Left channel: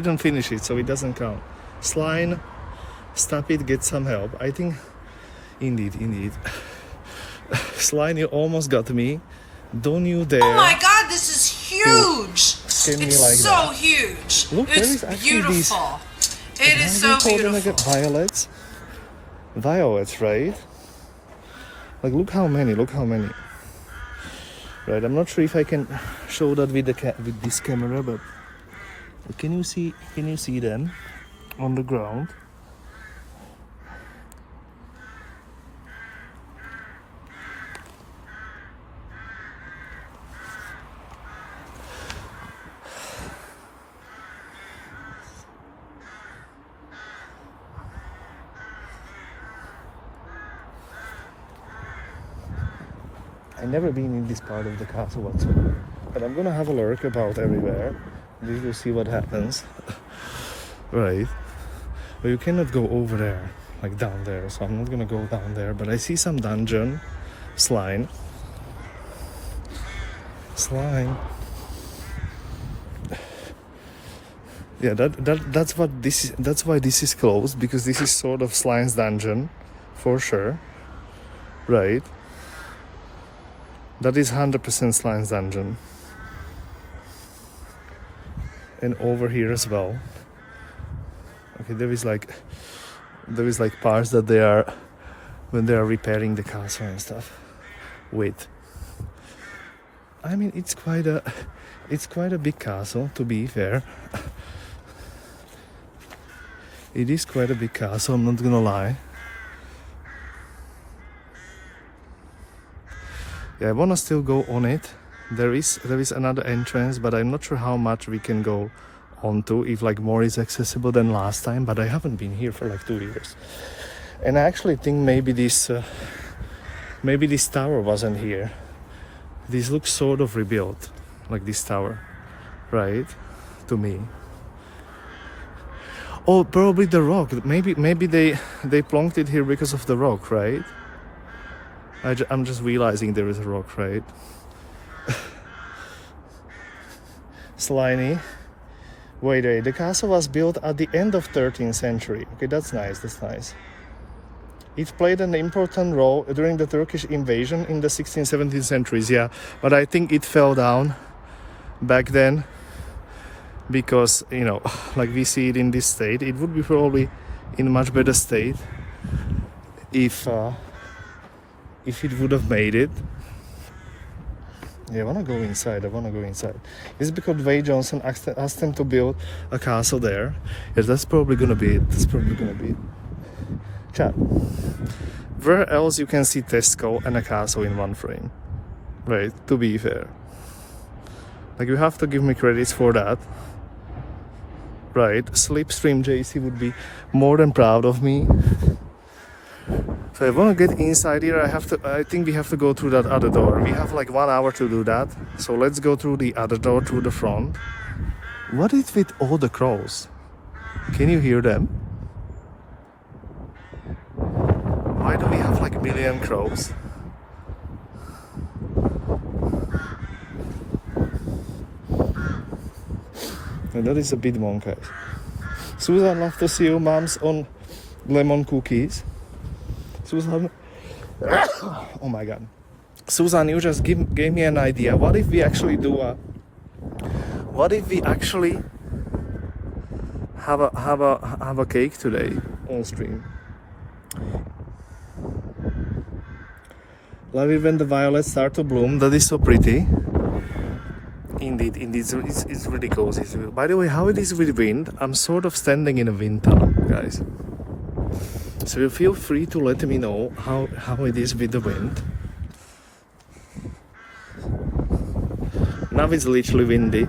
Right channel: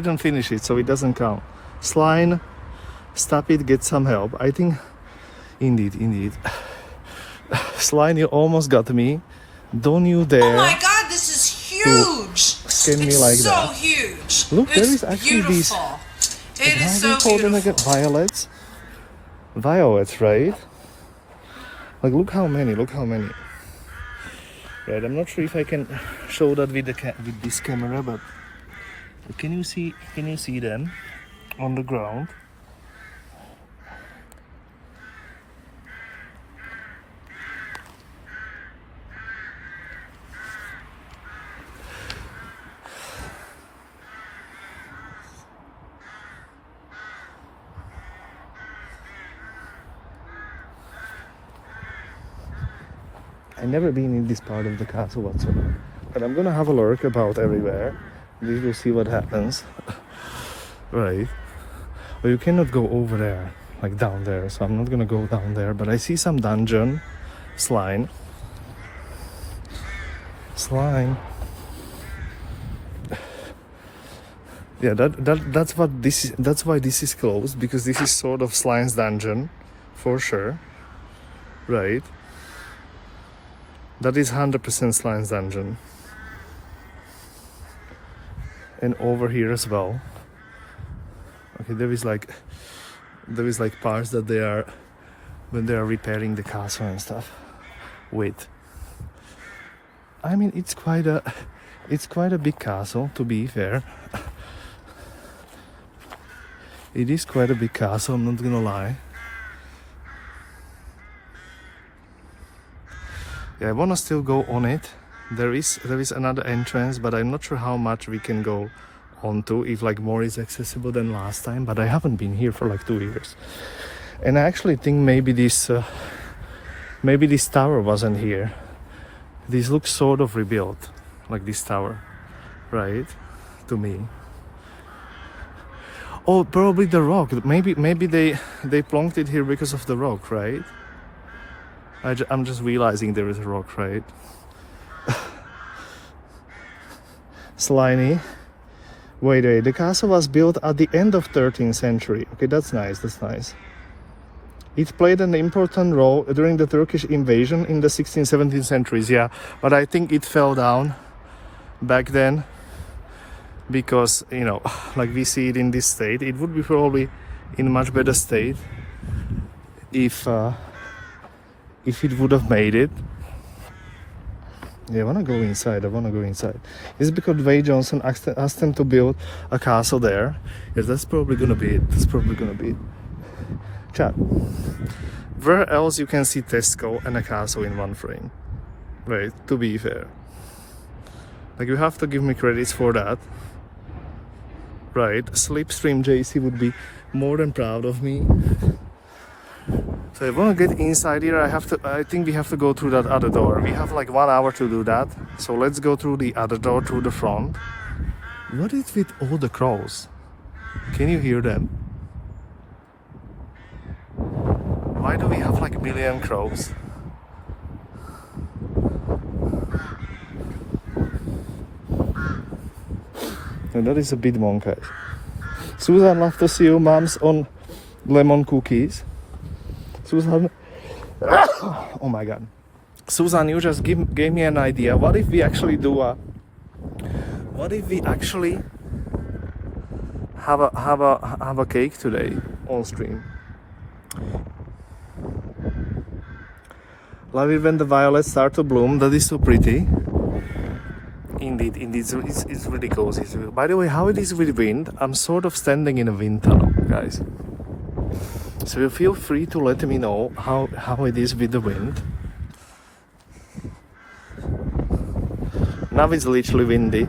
Didn't finish it, so it doesn't count. Slime, stop it, get some help. I think, indeed. Slime, you almost got me. Don't you dare. Oh my god, this is huge! Skin me It's like so that. huge. Look, there It's is actually beautiful. It is How so do you call them again? beautiful. Violets? Violets, right? Like, look how many. Right, I'm not sure if I can show that with with this camera, but can you see them on the ground? I've never been in this part of the castle whatsoever, but I'm gonna have a look about everywhere. We will see what happens. Right, but you cannot go over there, like down there, so I'm not gonna go down there. But I see some dungeon. Slime. Yeah, that's what this is. That's why this is closed, because this is sort of Slime's dungeon, for sure. Right. That is 100% Slime's dungeon. And over here as well. Okay, there is like parts that they are, when they are repairing the castle and stuff. Wait. I mean, it's quite a big castle, to be fair. It is quite a big castle, I'm not gonna lie. Yeah, I wanna still go on it. There is another entrance, but I'm not sure how much we can go onto, if like more is accessible than last time. But I haven't been here for like 2 years, and I actually think maybe this tower wasn't here. This looks sort of rebuilt, like this tower, right? To me. Oh, probably the rock. Maybe they plonked it here because of the rock, right? I'm just realizing there is a rock, right? Slimy. Wait, the castle was built at the end of 13th century. Okay, that's nice. It played an important role during the Turkish invasion in the 16th, 17th centuries, yeah. But I think it fell down back then because, you know, like we see it in this state. It would be probably in a much better state if it would have made it. Yeah, I wanna go inside. It's because Dwayne Johnson asked them to build a castle there. Yeah, that's probably gonna be it. Chat. Where else you can see Tesco and a castle in one frame? Right, to be fair. Like, you have to give me credits for that. Right, Slipstream JC would be more than proud of me. So I want to get inside here. I think we have to go through that other door. We have like 1 hour to do that. So let's go through the other door, through the front. What is with all the crows? Can you hear them? Why do we have like a million crows? And that is a bit wonky. Susan, love to see you, moms, on lemon cookies. Susan, oh my god. Susan, you just gave me an idea. What if we actually have a cake today on stream? Love it when the violets start to bloom. That is so pretty. Indeed, it's really cozy. By the way, how it is with wind? I'm sort of standing in a wind tunnel, guys. So you feel free to let me know how it is with the wind. Now it's literally windy.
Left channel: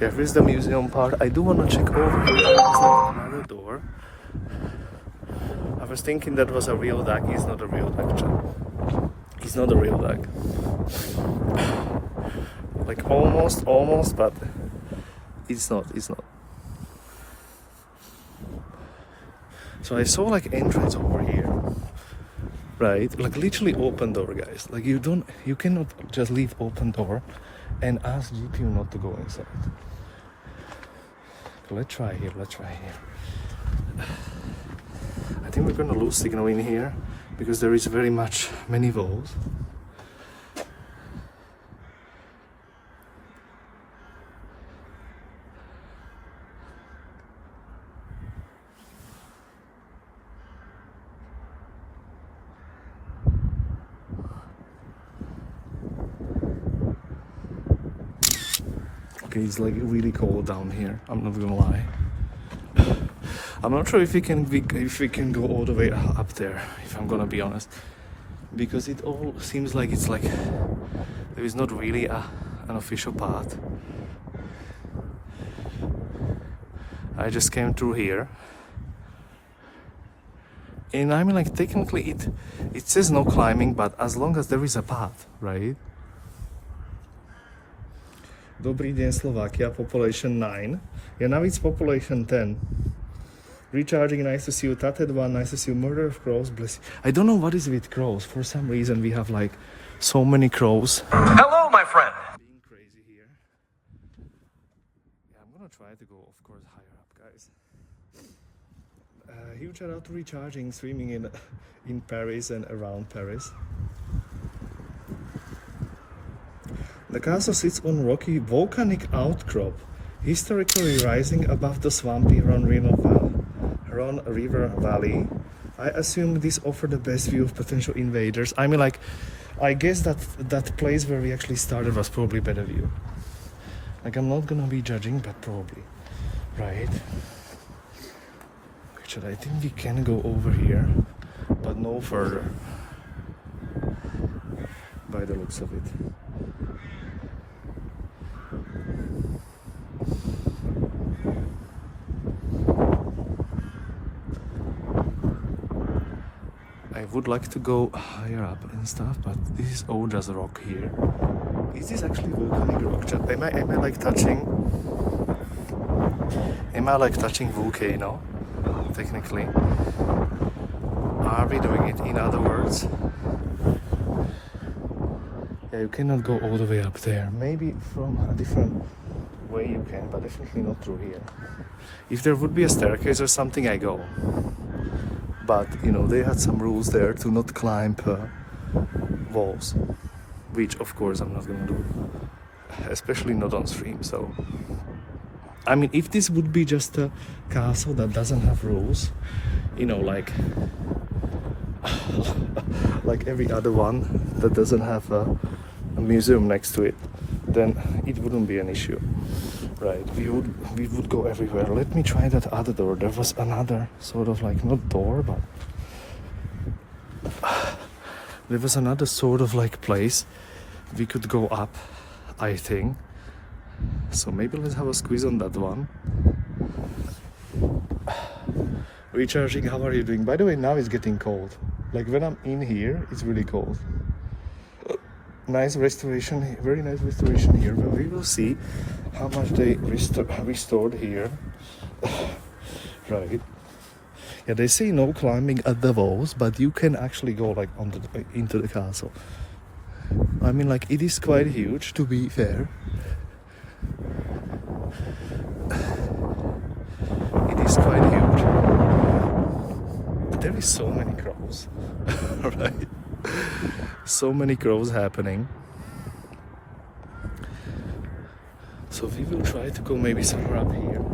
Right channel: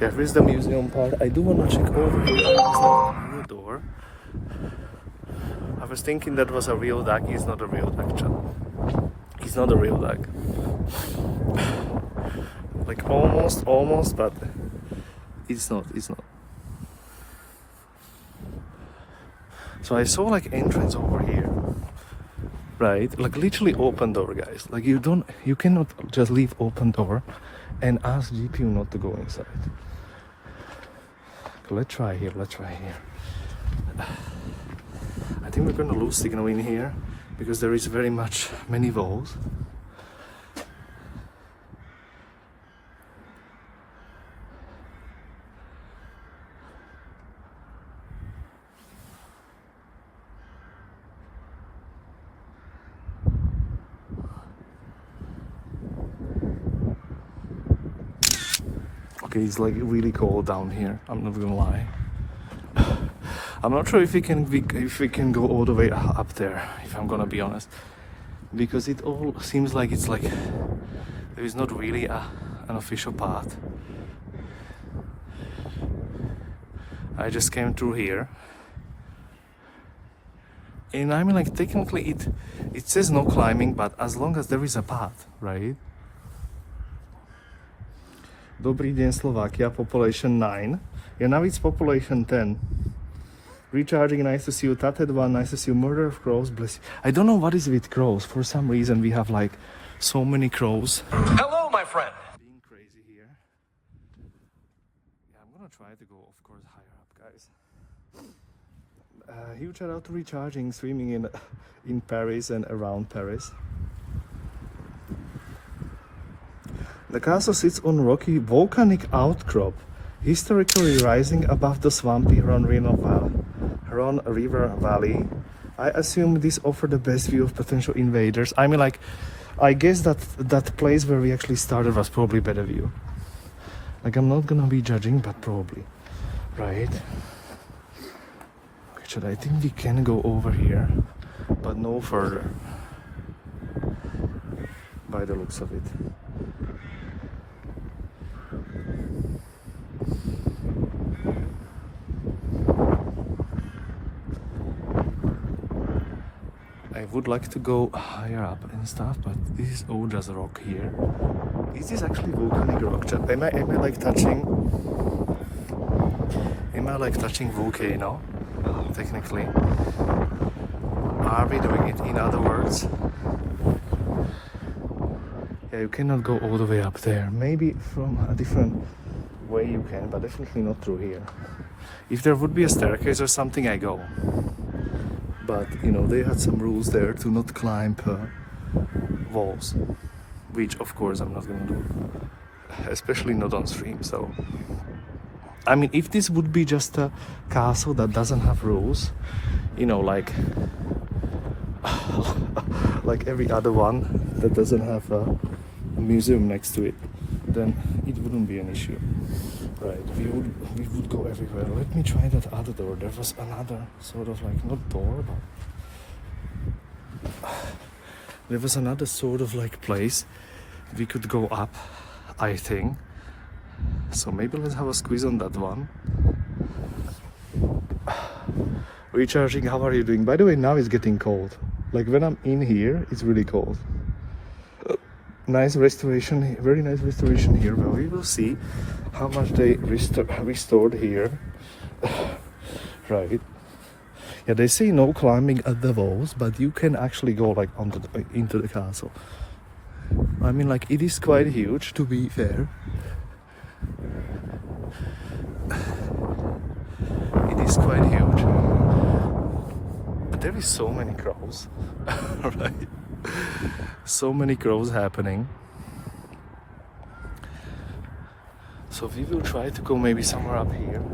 Yeah, here's the museum part. I do want to check over here. There's like another door. I was thinking that was a real duck. It's not a real duck, chat. It's not a real duck. Like almost, but it's not. So I saw like entrance over here, right? Like literally open door, guys. Like you cannot just leave open door and ask GPU not to go inside. Let's try here. I think we're gonna lose signal in here because there is very much many walls. Okay, it's like really cold down here. I'm not gonna lie. I'm not sure if we can go all the way up there, if I'm gonna be honest, because it all seems like it's like there is not really an official path. I just came through here, and I mean, like, technically it says no climbing, but as long as there is a path, right? Dobrý deň, Slovakia, population 9. Yeah, now it's population 10. Recharging, nice to see you. Tated one, nice to see you. Murder of crows, bless you. I don't know what is with crows. For some reason, we have like so many crows. Hello, my friend. Being crazy here. Yeah, I'm gonna try to go, of course, higher up, guys. Huge shout out to Recharging, streaming in Paris and around Paris. The castle sits on rocky volcanic outcrop, historically rising above the swampy Ron River Valley. I assume this offered the best view of potential invaders. I mean, like, I guess that place where we actually started was probably better view. Like, I'm not gonna be judging, but probably, right? Richard, I think we can go over here, but no further, by the looks of it. I would like to go higher up and stuff, but this is all just rock here. Is this actually volcanic rock? Am I like touching? Am I like touching volcano? Technically, are we doing it? In other words, yeah, you cannot go all the way up there. Maybe from a different way you can, but definitely not through here. If there would be a staircase or something, I go. But, you know, they had some rules there to not climb walls, which of course I'm not gonna do, especially not on stream. So, I mean, if this would be just a castle that doesn't have rules, you know, like every other one that doesn't have a museum next to it, then it wouldn't be an issue. Right, we would go everywhere. Let me try that other door. There was another sort of like, not door, but there was another sort of like place we could go up, I think. So maybe let's have a squeeze on that one. Recharging, how are you doing? By the way, now it's getting cold. Like when I'm in here, it's really cold. Nice restoration, very nice restoration here, but we will see how much they restored here. Right. Yeah, they say no climbing at the walls, but you can actually go like into the castle. I mean, like, it is quite huge, to be fair. It is quite huge. But there is so many crows. Right. So many crows happening. So we will try to go maybe somewhere up here.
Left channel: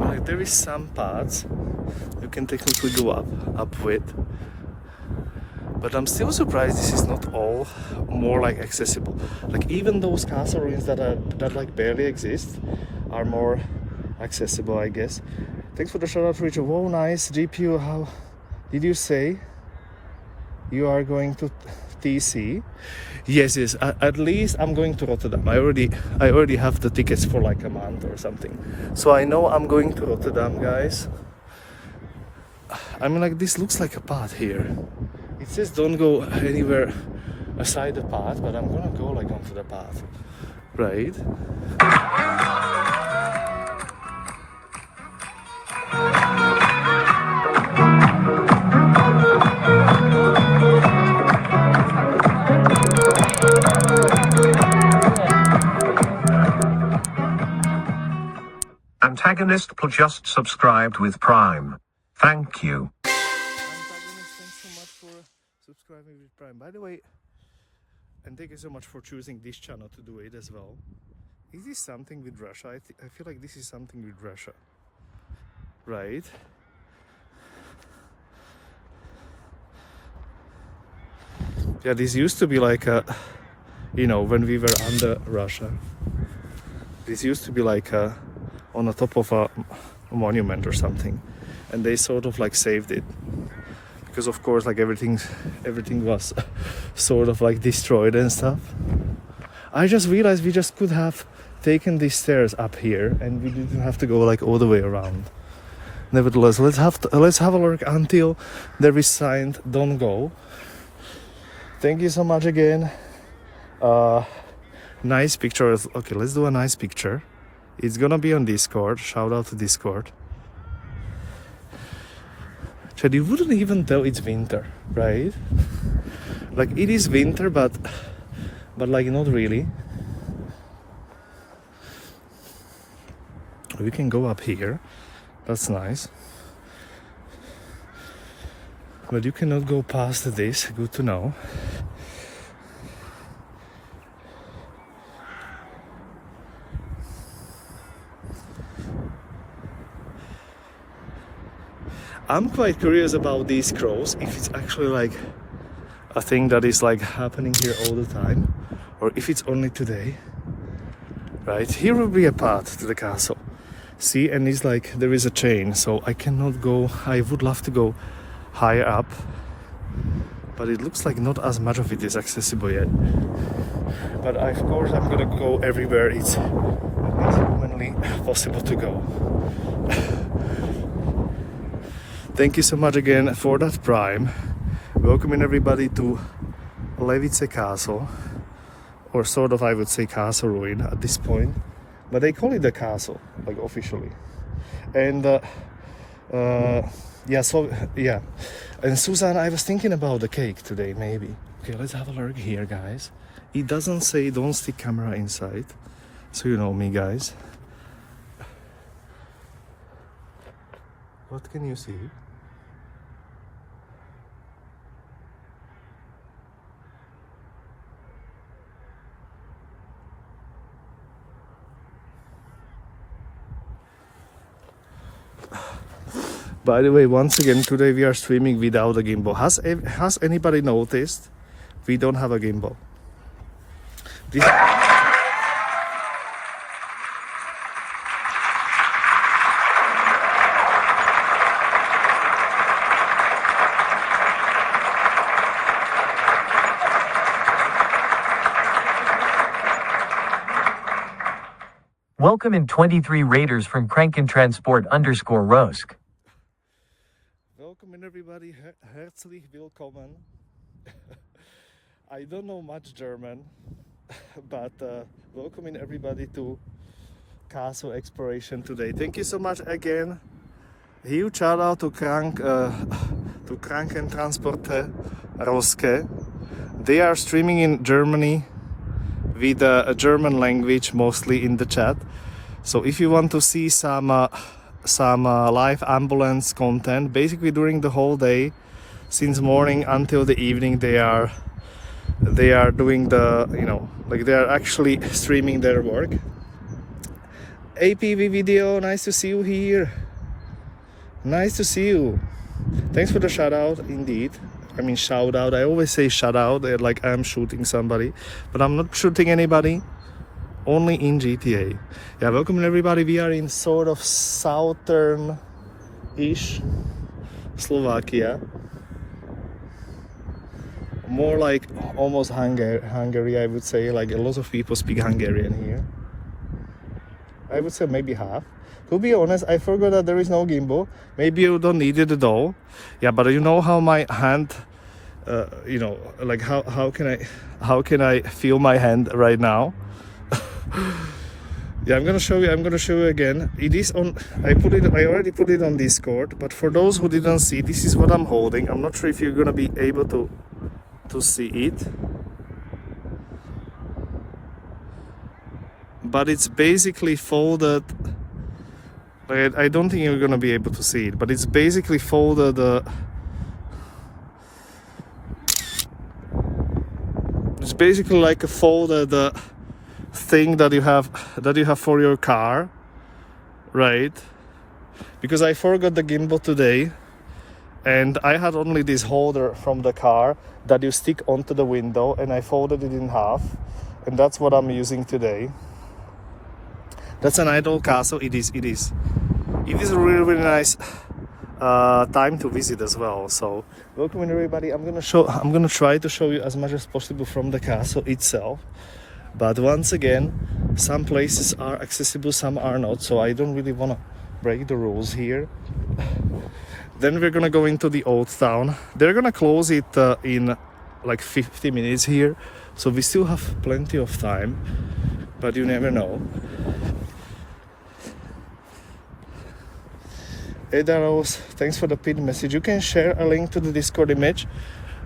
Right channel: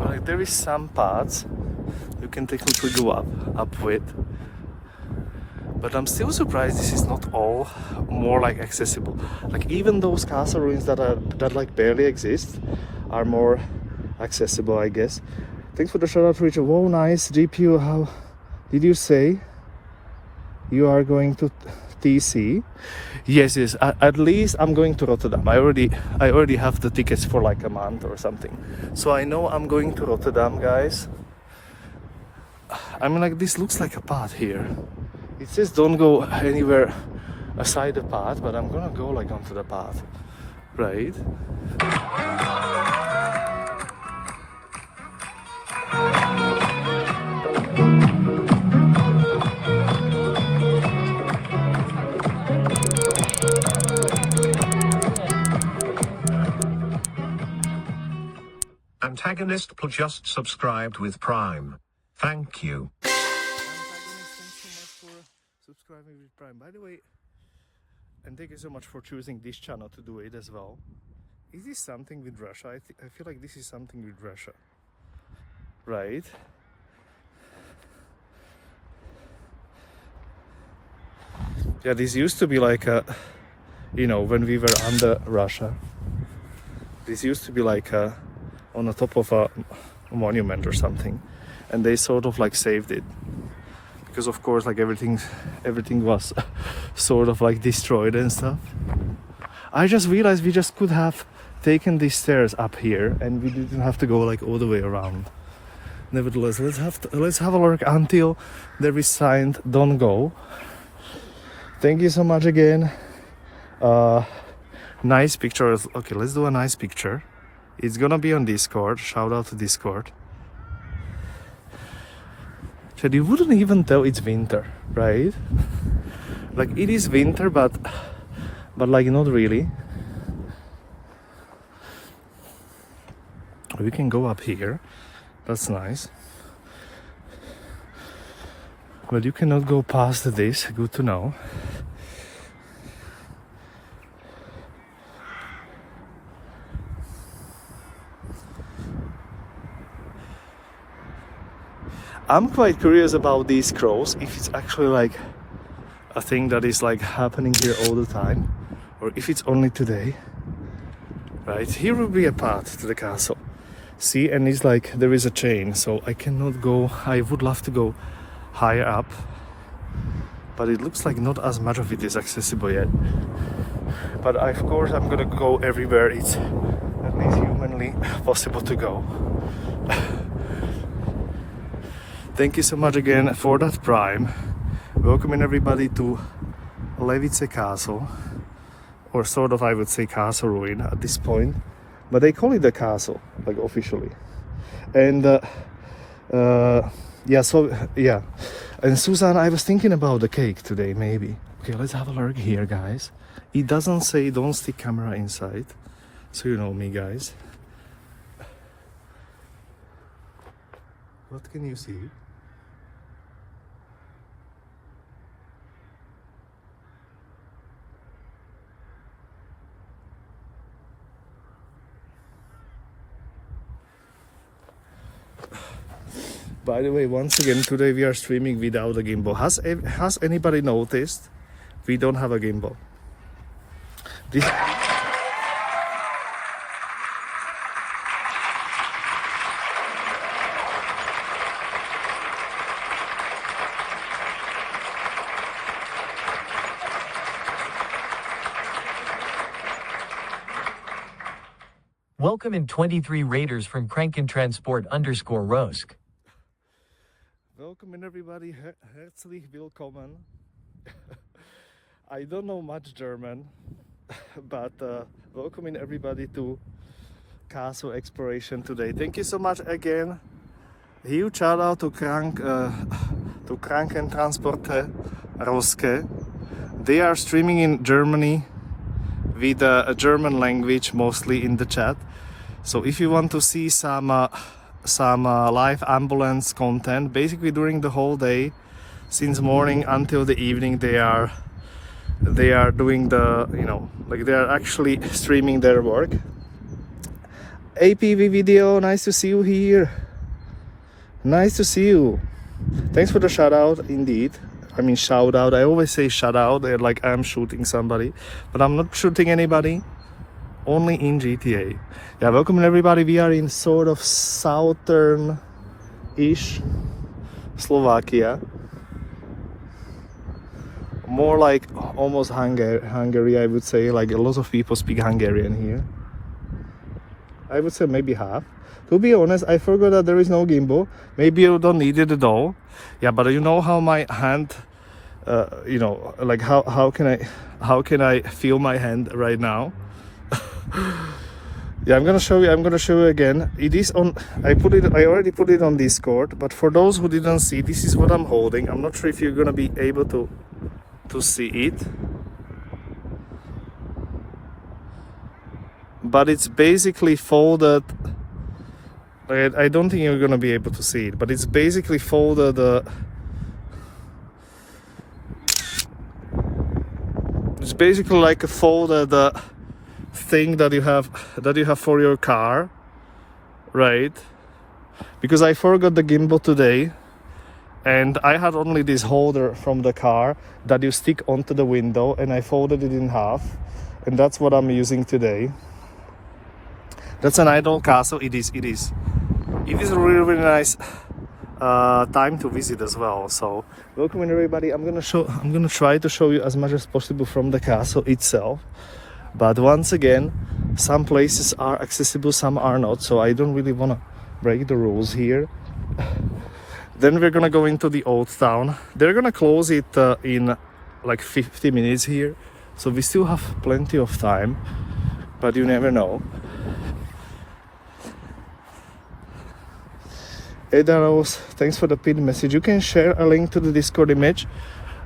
Like, there is some paths you can technically go up with, but I'm still surprised this is not all more like accessible. Like, even those castle ruins that like barely exist are more accessible, I guess. Thanks for the shout out, Richard. Whoa, nice GPU. How did you say you are going to TC? Yes. At least I'm going to Rotterdam. I already have the tickets for like a month or something. So I know I'm going to Rotterdam, guys. I mean, like, this looks like a path here. It says don't go anywhere aside the path, but I'm gonna go like onto the path, right? Antagonist just subscribed with Prime. Thank you. Antagonist, thanks so much for subscribing with Prime. By the way, and thank you so much for choosing this channel to do it as well. Is this something with Russia? I feel like this is something with Russia, right? Yeah, this used to be like a, you know, when we were under Russia, this used to be like a, on the top of a monument or something, and they sort of like saved it because of course like everything was sort of like destroyed and stuff. I just realized we just could have taken these stairs up here and we didn't have to go like all the way around. Nevertheless, let's have a look until there is signed don't go. Thank you so much again. Nice picture. Okay, let's do a nice picture. It's gonna be on Discord. Shout out to Discord. Chad, you wouldn't even tell it's winter, right? Like it is winter, but like not really. We can go up here. That's nice. But you cannot go past this. Good to know. I'm quite curious about these crows, if it's actually like a thing that is like happening here all the time, or if it's only today. Right, here will be a path to the castle. See, and it's like there is a chain, so I cannot go. I would love to go higher up, but it looks like not as much of it is accessible yet. But of course I'm gonna go everywhere it's humanly possible to go. Thank you so much again for that Prime. Welcoming everybody to Levice Castle, or sort of I would say castle ruin at this point, but they call it a castle, like officially. And yeah, so yeah. And Susan, I was thinking about the cake today, maybe. Okay, let's have a look here, guys. It doesn't say don't stick camera inside, so you know me, guys. What can you see? By the way, once again, today we are streaming without a gimbal. Has anybody noticed we don't have a gimbal? Welcome in 23 Raiders from Krankentransport_Rosk. Welcome everybody, herzlich willkommen. I don't know much German, but welcoming everybody to castle exploration today. Thank you so much again. Huge shout out to Krankentransporte They are streaming in Germany with a German language mostly in the chat. So if you want to see some live ambulance content, basically during the whole day, since morning until the evening, they are doing the, you know, like they are actually streaming their work. APV video, nice to see you here. Nice to see you. Thanks for the shout out, indeed. I mean shout out. I always say shout out, like I'm shooting somebody, but I'm not shooting anybody. Only in GTA. Yeah, welcome everybody. We are in sort of southern-ish Slovakia. More like almost Hungary, I would say. Like a lot of people speak Hungarian here. I would say maybe half. To be honest, I forgot that there is no gimbal. Maybe you don't need it at all. Yeah, but you know how my hand, you know, like how can I feel my hand right now? Yeah, I'm gonna show you again. It is on. I already put it on Discord. But for those who didn't see, this is what I'm holding. I'm not sure if you're gonna be able to see it. But it's basically folded I don't think you're gonna be able to see it, but it's basically folded. It's basically like a folded thing that you have for your car, right? Because I forgot the gimbal today, and I had only this holder from the car that you stick onto the window, and I folded it in half, and that's what I'm using today. That's an idol castle. It is a really nice time to visit as well. So welcome everybody. I'm gonna try to show you as much as possible from the castle itself. But once again, some places are accessible, some are not. So I don't really wanna break the rules here. Then we're gonna go into the old town. They're gonna close it in like 50 minutes here. So we still have plenty of time, but you never know. Ada Rose, thanks for the pinned message. You can share a link to the Discord image.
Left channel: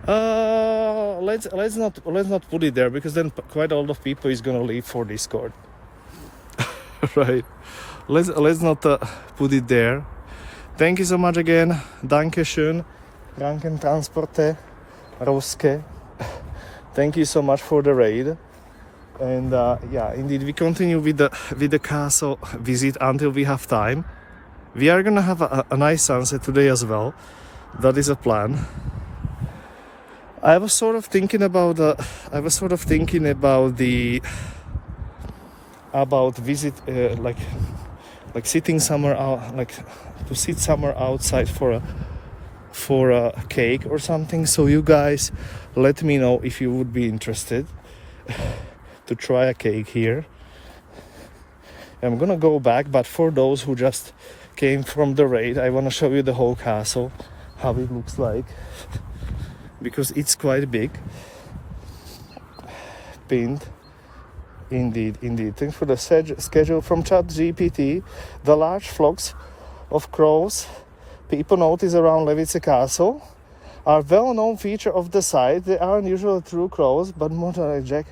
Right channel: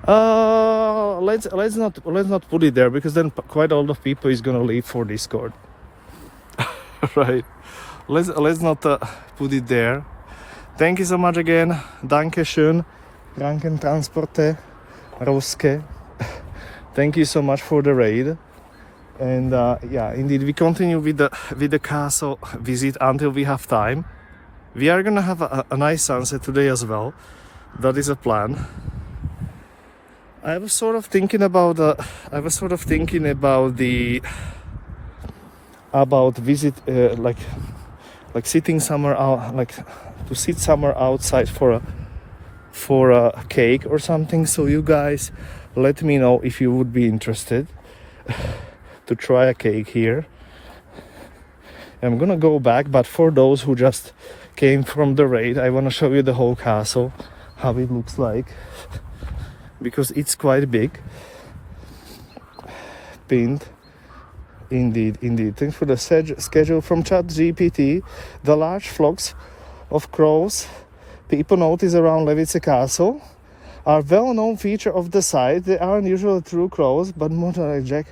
Let's not put it there, because then quite a lot of people is gonna leave for Discord. Right? Let's not put it there. Thank you so much again. Dankeschön. Krankentransporte. Ruske. Thank you so much for the raid. And yeah, indeed, we continue with the castle visit until we have time. We are gonna have a nice sunset today as well. That is a plan. I was sort of thinking about visit like sitting somewhere out, like to sit somewhere outside for a cake or something. So you guys let me know if you would be interested to try a cake here. I'm gonna go back, but for those who just came from the raid, I want to show you the whole castle, how it looks like, because it's quite big. Pinned. Indeed. Thanks for the schedule from ChatGPT. The large flocks of crows people notice around Levice Castle are well-known feature of the site. They aren't usually true crows, but more like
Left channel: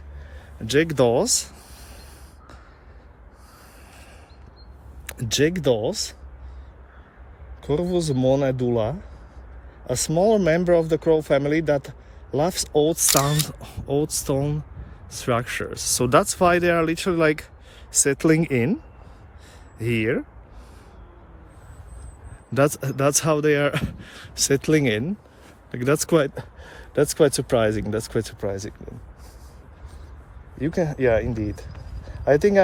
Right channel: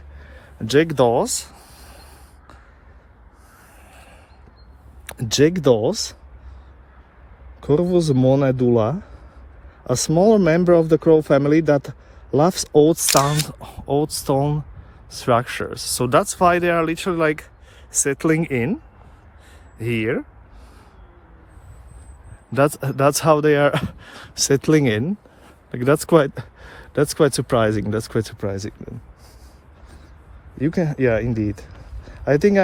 jackdaws. Corvus monedula, a smaller member of the crow family that loves old stone structures. So that's why they are literally like settling in here. That's how they are settling in. Like that's quite surprising. You can, yeah, indeed. I think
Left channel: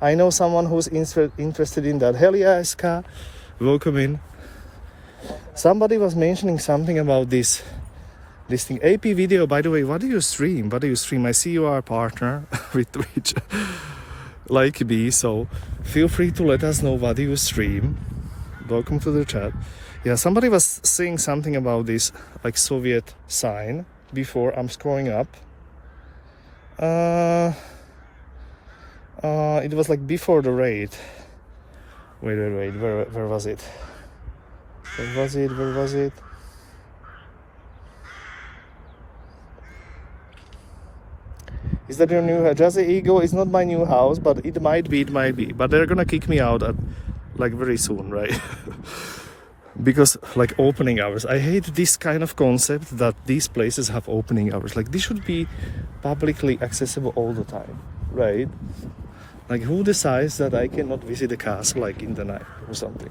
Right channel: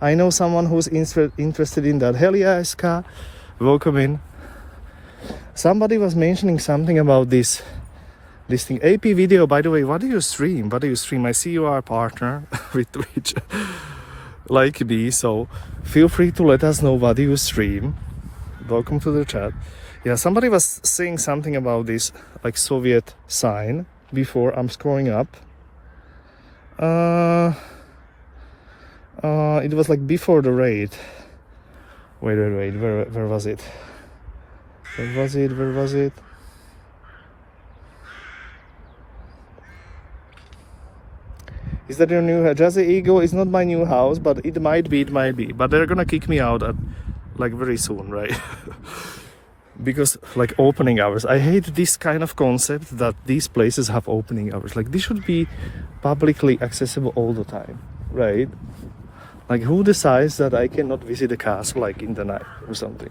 I know someone who's interested in that. Hell yeah, Ska. Welcome in. Somebody was mentioning something about this thing. AP video, by the way, what do you stream? I see you are a partner with Twitch, like me, so feel free to let us know what do you stream. Welcome to the chat. Yeah, somebody was saying something about this, like Soviet sign before. I'm scrolling up. It was like before the raid. Wait, where was it? Where was it? Is that your new Jazzy Eagle? It's not my new house, but it might be. But they're gonna kick me out at like very soon, right? Because like opening hours. I hate this kind of concept that these places have opening hours. Like this should be publicly accessible all the time, right? Like who decides that I cannot visit the castle like in the night or something?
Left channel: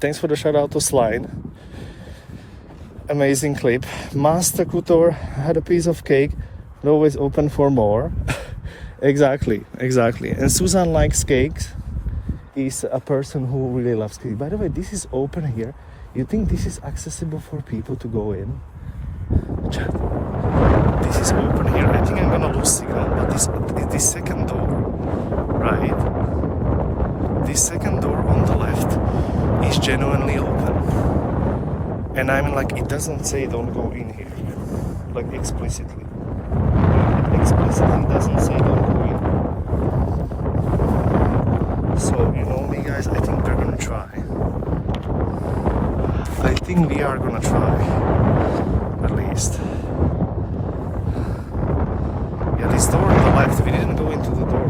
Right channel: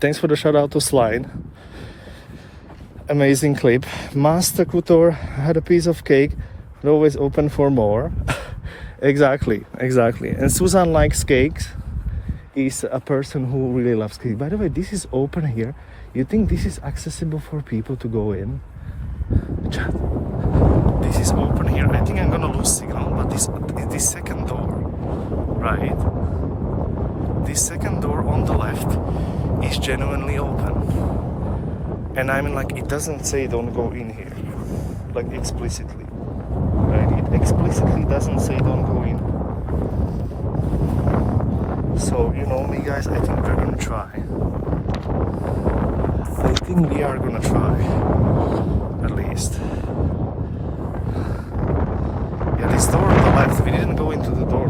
Thanks for the shout out to Slide. Amazing clip. Master Kutor had a piece of cake. We're always open for more. Exactly. And Susan likes cakes. Is a person who really loves cake. By the way, this is open here. You think this is accessible for people to go in? Chat. This is open here. I think I'm gonna lose signal, but this second door, right? This second door on the left is genuinely open. And I mean, like, it doesn't say don't go in here, like explicitly. Like, it explicitly doesn't say don't go in. So, you know me guys, I think we're gonna try. I think we are gonna try, at least. Yeah, this door on the left, we didn't go into the door.